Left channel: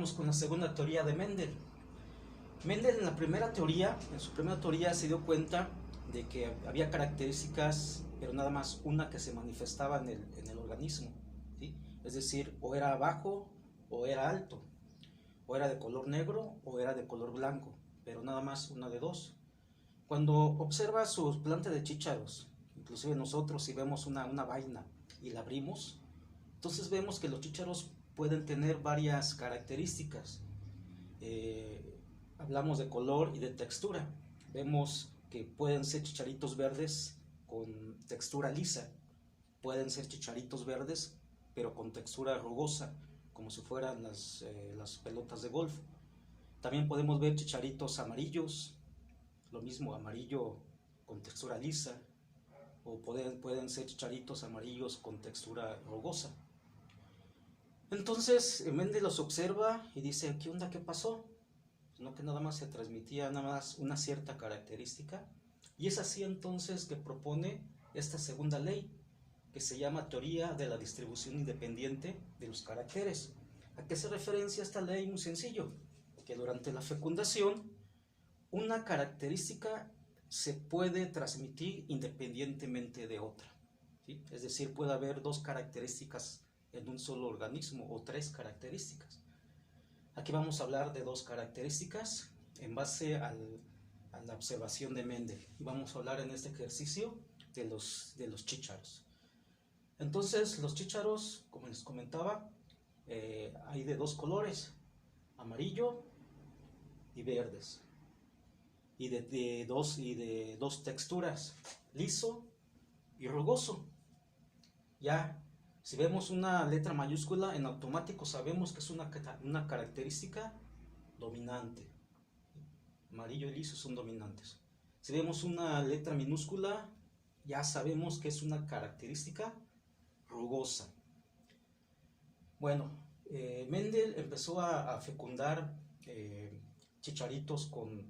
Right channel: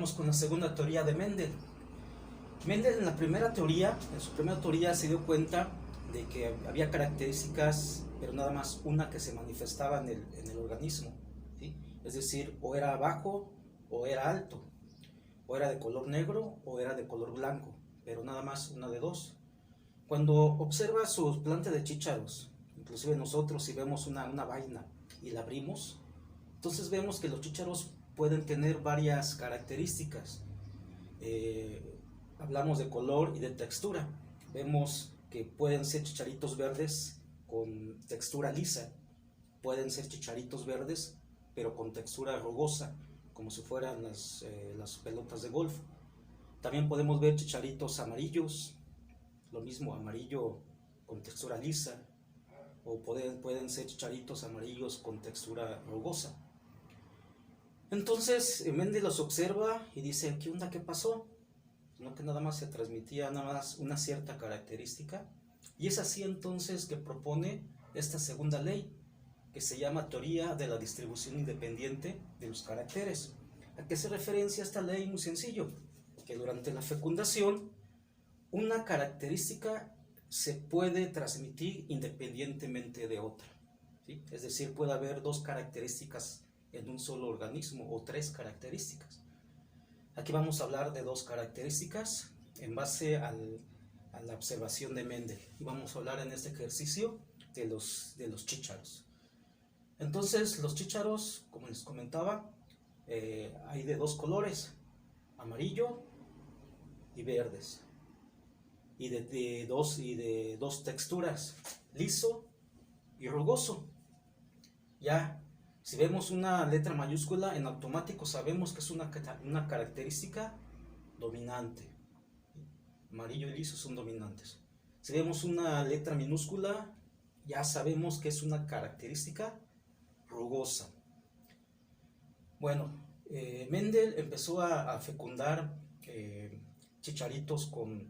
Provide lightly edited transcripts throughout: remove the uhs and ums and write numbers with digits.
Vamos con la segunda teoría de Mendel. Mendel en su primera teoría se dio cuenta de que había características, pero nada más una que se manifestaba en el organismo, ¿sí? Es decir, o era bajo o era alto, o era de color negro o era de color blanco, pero nada más una de dos. Cuando observa su planta de chícharos, inclusive nosotros si vemos una vaina y la abrimos, entonces vemos que los chícharos pueden tener varias características. Hablamos de color y de textura. Vemos que pueden ser chicharitos verdes con textura lisa, pueden ser chicharitos verdes pero con textura rugosa, como si fueran las pelotas de golf. También podemos ver chicharitos amarillos, lo mismo, amarillo con textura lisa, o pueden ser chicharitos amarillos con textura rugosa. Entonces Mendel los observa y dice, ¿qué onda? ¿Qué pasó? No, que nada más se transmitía nada más una cierta característica, y es así entonces que propone esta segunda ley, que se llama teoría de la distribución independiente de los caracteres. ¿A qué se referencia esta ley? Muy sencillo, que durante la fecundación una característica se puede transmitir independientemente de otra, ¿sí? Es decir, puede haber dos características en un solo organismo o tres características. Aquí vamos a hablar de dos características en base a la observación de Mendel. Vamos a hablar en este ejercicio de los chícharos. Entonces, los chícharos, como les comentaba, hay de dos colores, amarillo y verdes, y de dos texturas, liso y rugoso. Ya, si vemos una letra mayúscula, en automático sabemos que es una característica dominante. Amarillo y liso son dominantes. Si vemos una letra minúscula, ya sabemos que es una característica rugosa. Bueno, Mendel empezó a fecundar chicharitos con,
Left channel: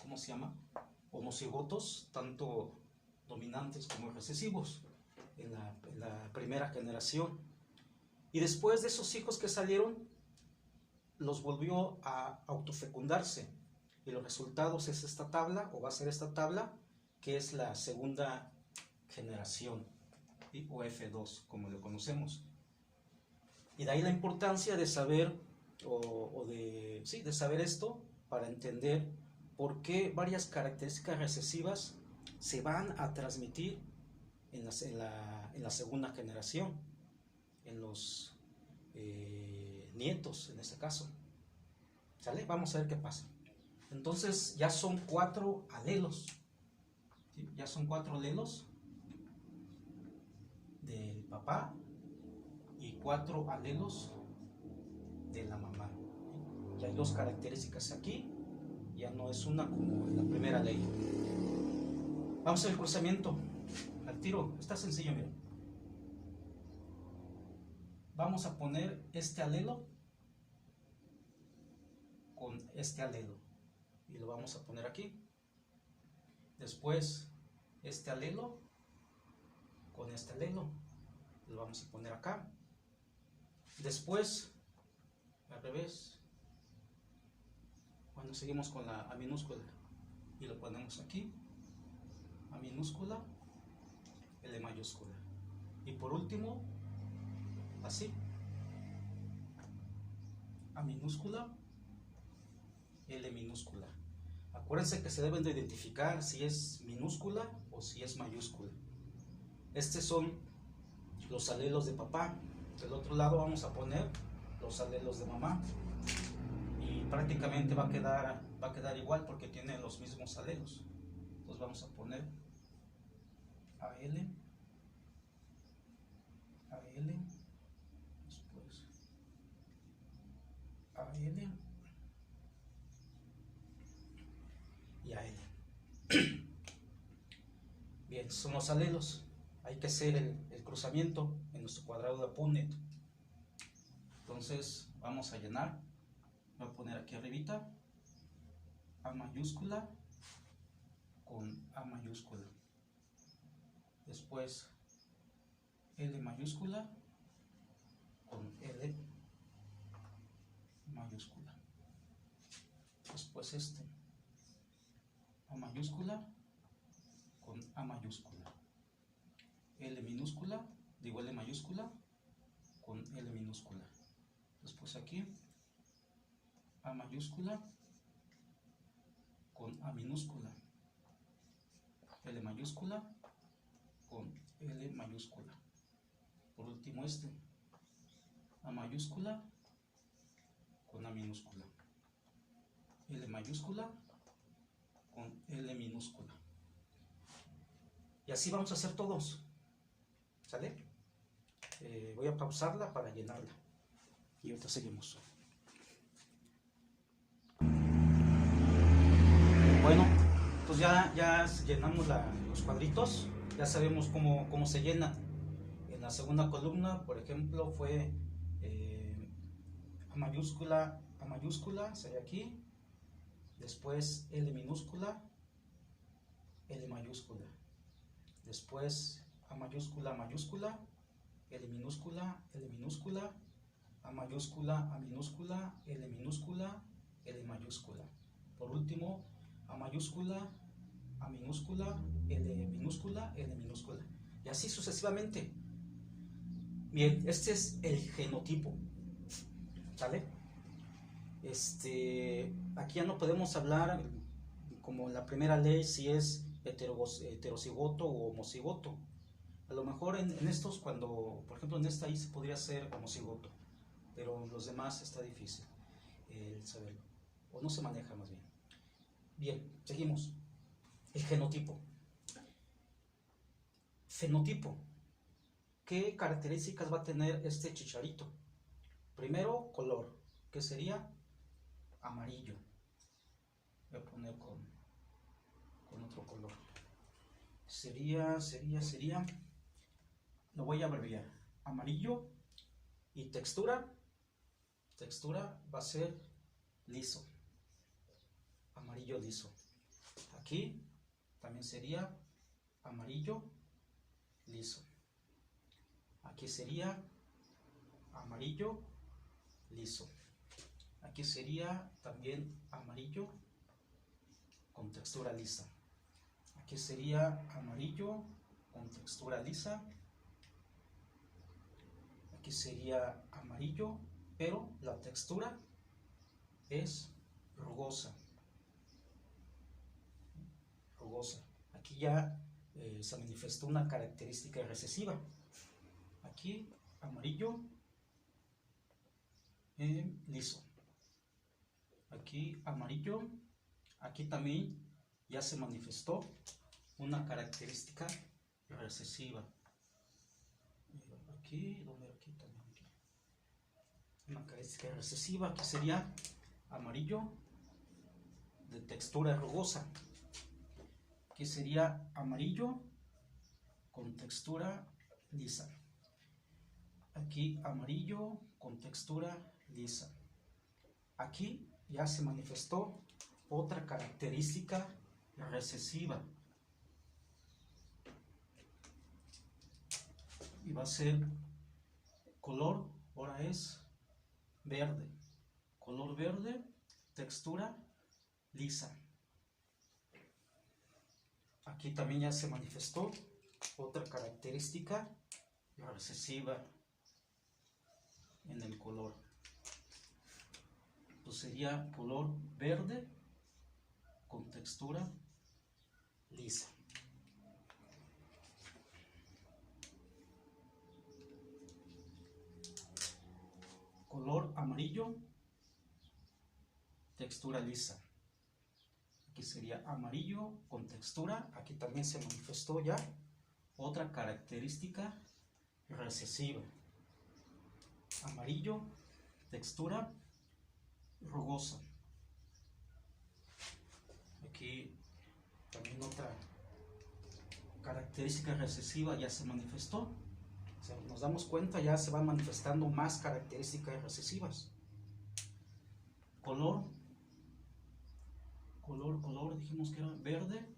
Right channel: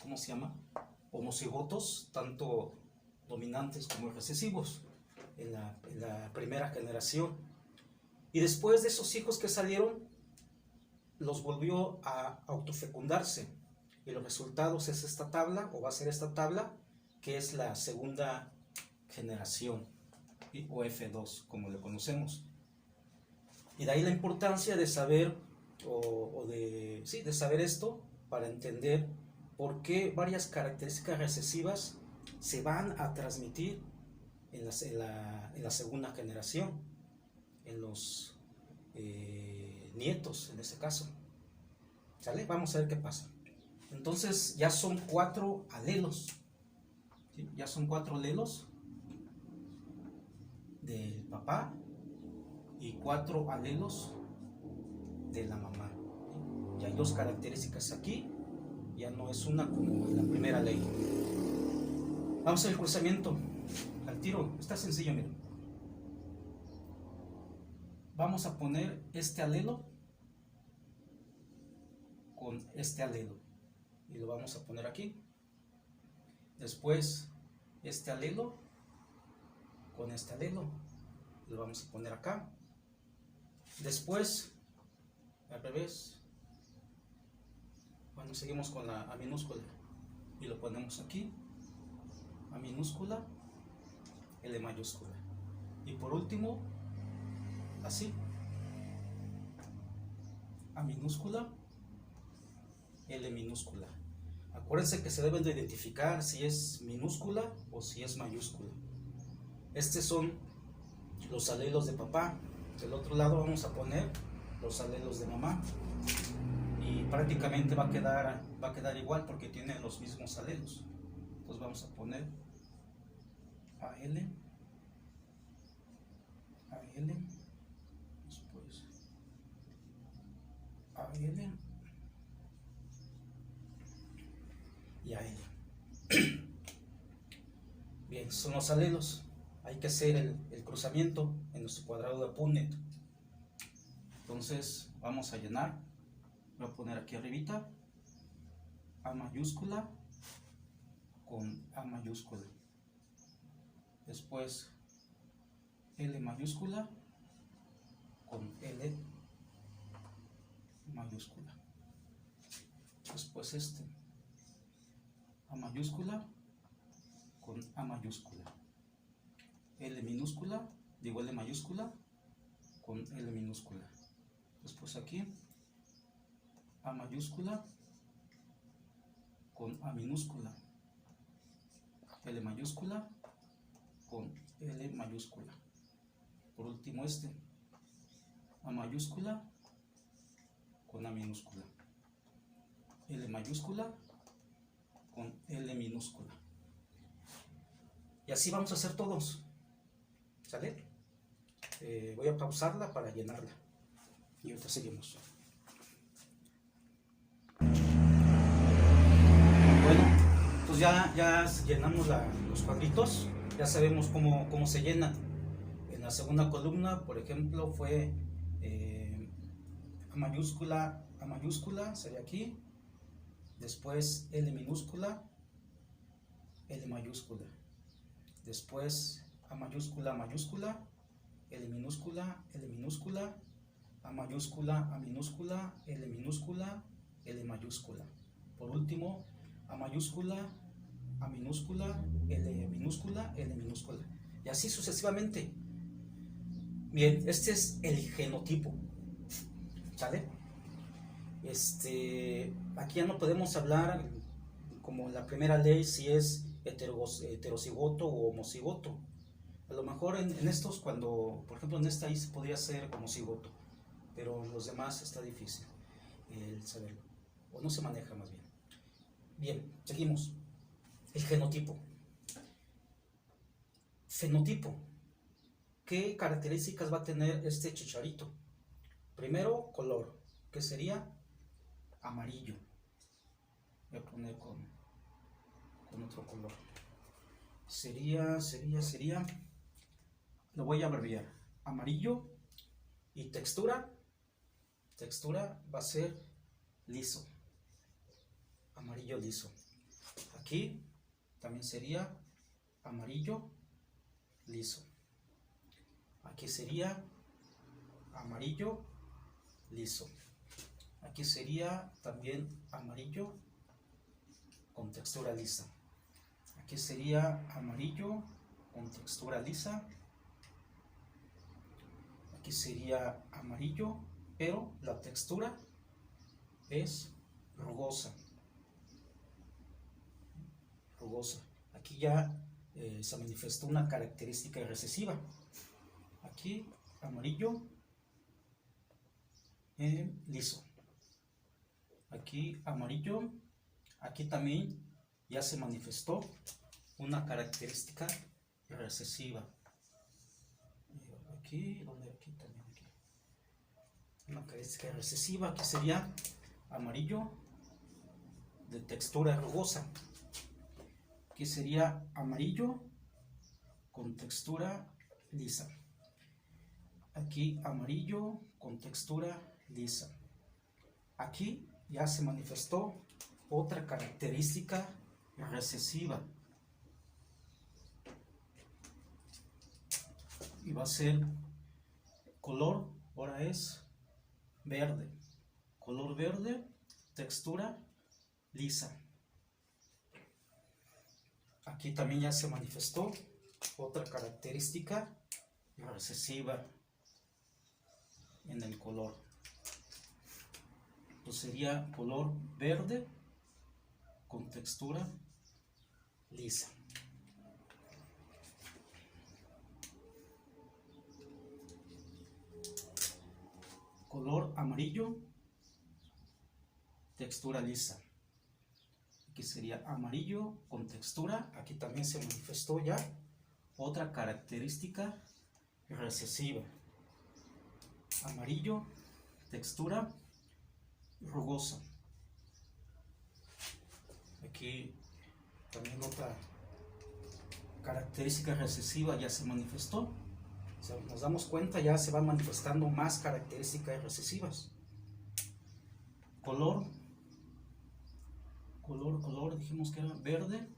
¿cómo se llama? Homocigotos, tanto dominantes como recesivos, en la primera generación. Y después de esos hijos que salieron, los volvió a autofecundarse. Y los resultados es esta tabla, o va a ser esta tabla, que es la segunda generación, ¿sí? O F2, como lo conocemos. Y de ahí la importancia de saber, de saber esto, para entender por qué varias características recesivas se van a transmitir en la segunda generación, en los nietos en este caso. ¿Sale? Vamos a ver qué pasa. Entonces ya son 4 alelos, ¿sí? Ya son 4 alelos del papá y 4 alelos de la mamá, ¿sí? Ya hay 2 características aquí, ya no es una como en la primera ley. Vamos al cruzamiento, al tiro, está sencillo, miren. Vamos a poner este alelo con este alelo y lo vamos a poner aquí. Después este alelo con este alelo lo vamos a poner acá. Después al revés, bueno, seguimos con la A minúscula y lo ponemos aquí, A minúscula, L mayúscula, y por último así, A minúscula, L minúscula. Acuérdense que se deben de identificar si es minúscula o si es mayúscula. Estos son los alelos de papá. Del otro lado vamos a poner los alelos de mamá. Y prácticamente va a quedar igual porque tiene los mismos alelos. Entonces vamos a poner AL, después AL y AL. Bien, son los alelos. Hay que hacer el cruzamiento en nuestro cuadrado de Punnett. Entonces vamos a llenar. Voy a poner aquí arribita A mayúscula con A mayúscula. Después L mayúscula con L es este, A mayúscula con A mayúscula, L minúscula, digo L mayúscula con L minúscula. Después aquí, A mayúscula con A minúscula, L mayúscula con L mayúscula. Por último este, A mayúscula con A minúscula, L mayúscula con L minúscula. Y así vamos a hacer todos. ¿Sale? Voy a pausarla para llenarla. Y ahorita seguimos. Bueno, pues ya llenamos los cuadritos. Ya sabemos cómo se llenan. En la segunda columna, por ejemplo, fue A mayúscula, sería aquí. Después L minúscula, L mayúscula. Después A mayúscula, mayúscula, L minúscula, L minúscula, A mayúscula, A minúscula, L minúscula, L mayúscula. Por último, A mayúscula, A minúscula, L minúscula, L minúscula. Y así sucesivamente. Bien, este es el genotipo. ¿Sale? Aquí ya no podemos hablar como la primera ley si es heterocigoto o homocigoto. A lo mejor en estos, por ejemplo en esta ahí se podría ser homocigoto, pero en los demás está difícil el saberlo, o no se maneja más bien. Bien, seguimos. El genotipo. Fenotipo. ¿Qué características va a tener este chicharito? Primero, color, que sería amarillo. Voy a poner con otro color. Sería, lo voy a abreviar. Amarillo. Y textura va a ser liso. Amarillo liso. Aquí también sería amarillo liso. Aquí sería amarillo liso. Aquí sería también amarillo con textura lisa. Aquí sería amarillo con textura lisa. Aquí sería amarillo, pero la textura es rugosa. Aquí ya se manifestó una característica recesiva. Aquí amarillo liso. Aquí amarillo. Aquí también ya se manifestó una característica recesiva. Aquí también. Una característica recesiva. Aquí sería amarillo de textura rugosa. Aquí sería amarillo con textura lisa. Aquí amarillo con textura lisa. Aquí ya se manifestó otra característica recesiva. Y va a ser color, ahora es verde. Color verde, textura lisa. Aquí también ya se manifestó otra característica recesiva en el color. Entonces sería color verde con textura lisa. Color amarillo, textura lisa. Aquí sería amarillo con textura. Aquí también se manifestó ya otra característica recesiva. Amarillo, textura rugosa. Aquí también otra característica recesiva ya se manifestó. O sea, nos damos cuenta, ya se van manifestando más características recesivas. Color, dijimos que era verde,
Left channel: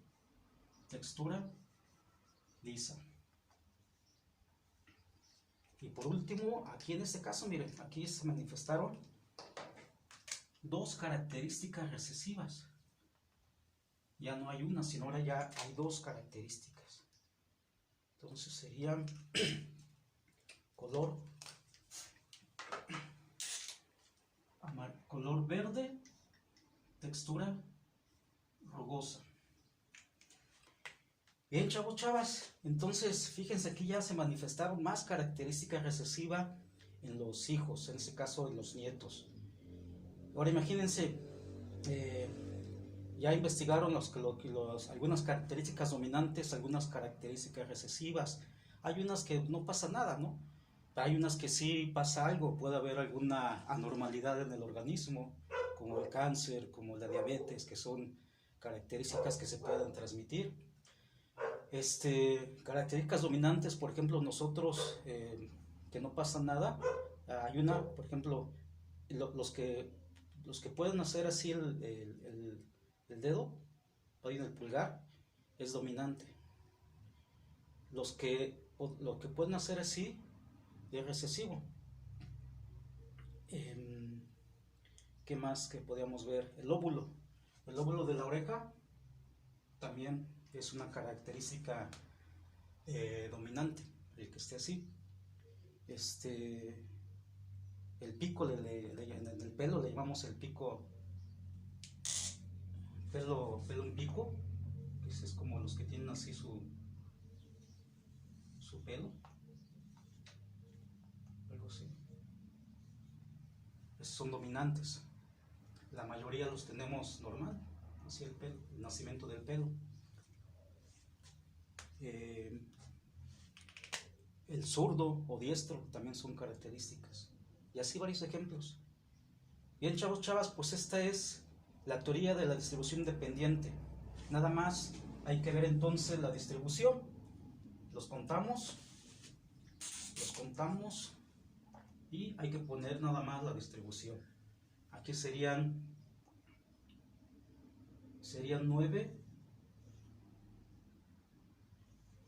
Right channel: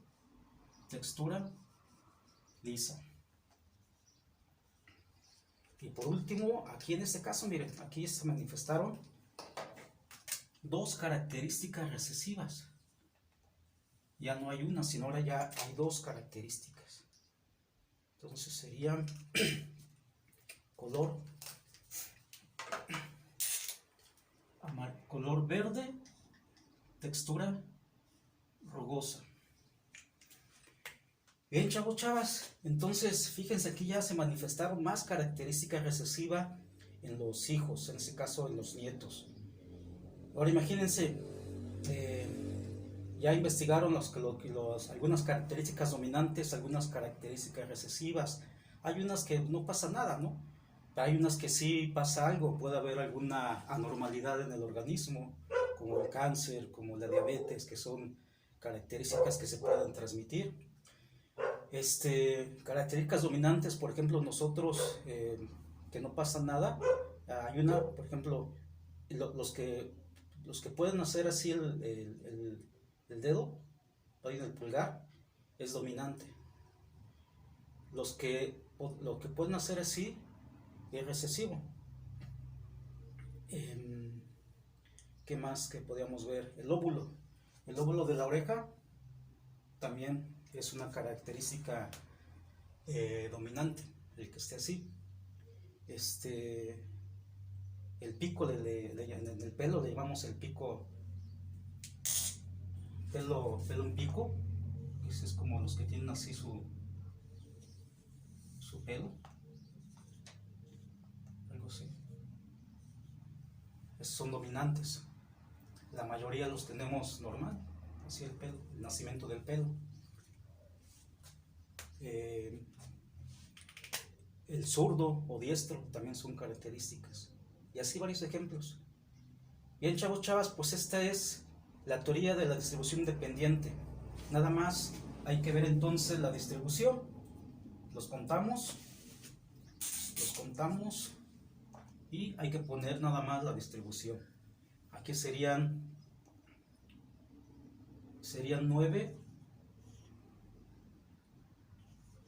textura lisa. Y por último, aquí en este caso, miren, aquí se manifestaron dos características recesivas. Ya no hay una, sino ahora ya hay dos características. Entonces serían color verde, textura rugosa. Bien, chavos, chavas, entonces fíjense, aquí ya se manifestaron más características recesivas en los hijos, en este caso en los nietos. Ahora imagínense, ya investigaron algunas características dominantes, algunas características recesivas. Hay unas que no pasa nada, ¿no? Hay unas que sí pasa algo, puede haber alguna anormalidad en el organismo, como el cáncer, como la diabetes, que son características que se pueden transmitir. Características dominantes, por ejemplo, nosotros, que no pasa nada. Hay una, por ejemplo, los que pueden hacer así el dedo, ahí en el pulgar, es dominante. Lo que pueden hacer así es recesivo. ¿Qué más que podíamos ver? El lóbulo de la oreja también es una característica dominante, el que esté así. El pico del pelo, le llamamos el pico, pelo en pico. Ese es como los que tienen así su pelo, algo así. Esos son dominantes. La mayoría los tenemos normal, así el nacimiento del pelo. El zurdo o diestro también son características. Y así varios ejemplos. Bien, chavos, chavas, pues esta es la teoría de la distribución independiente. Nada más hay que ver entonces la distribución. Los contamos y hay que poner nada más la distribución. Aquí serían 9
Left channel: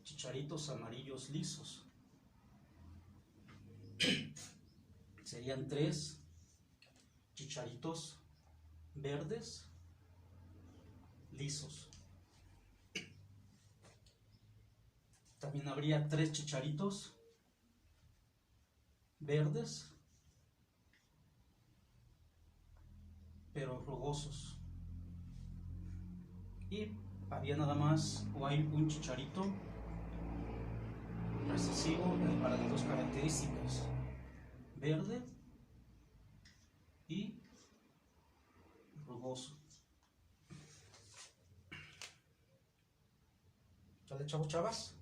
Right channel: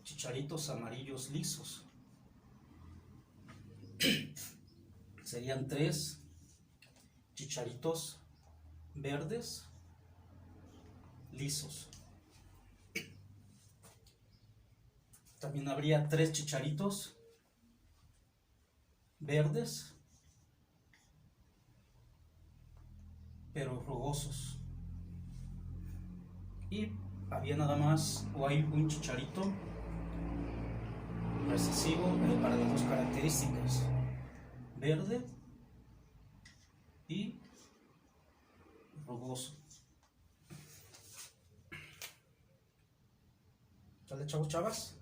chicharitos amarillos lisos. Serían 3 chicharitos verdes lisos. También habría 3 chicharitos verdes pero rugosos. Y había nada más, o hay un chicharito recesivo para las dos características, verde y rugoso. ¿Sale, chavos, chavas?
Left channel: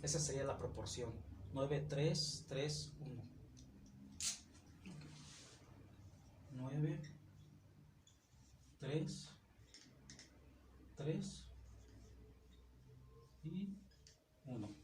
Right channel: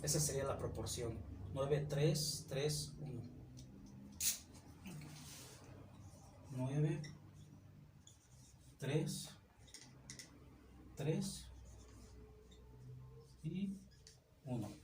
Esa sería la proporción 9, 3, 3, 1. 9, 3, 3 y 1.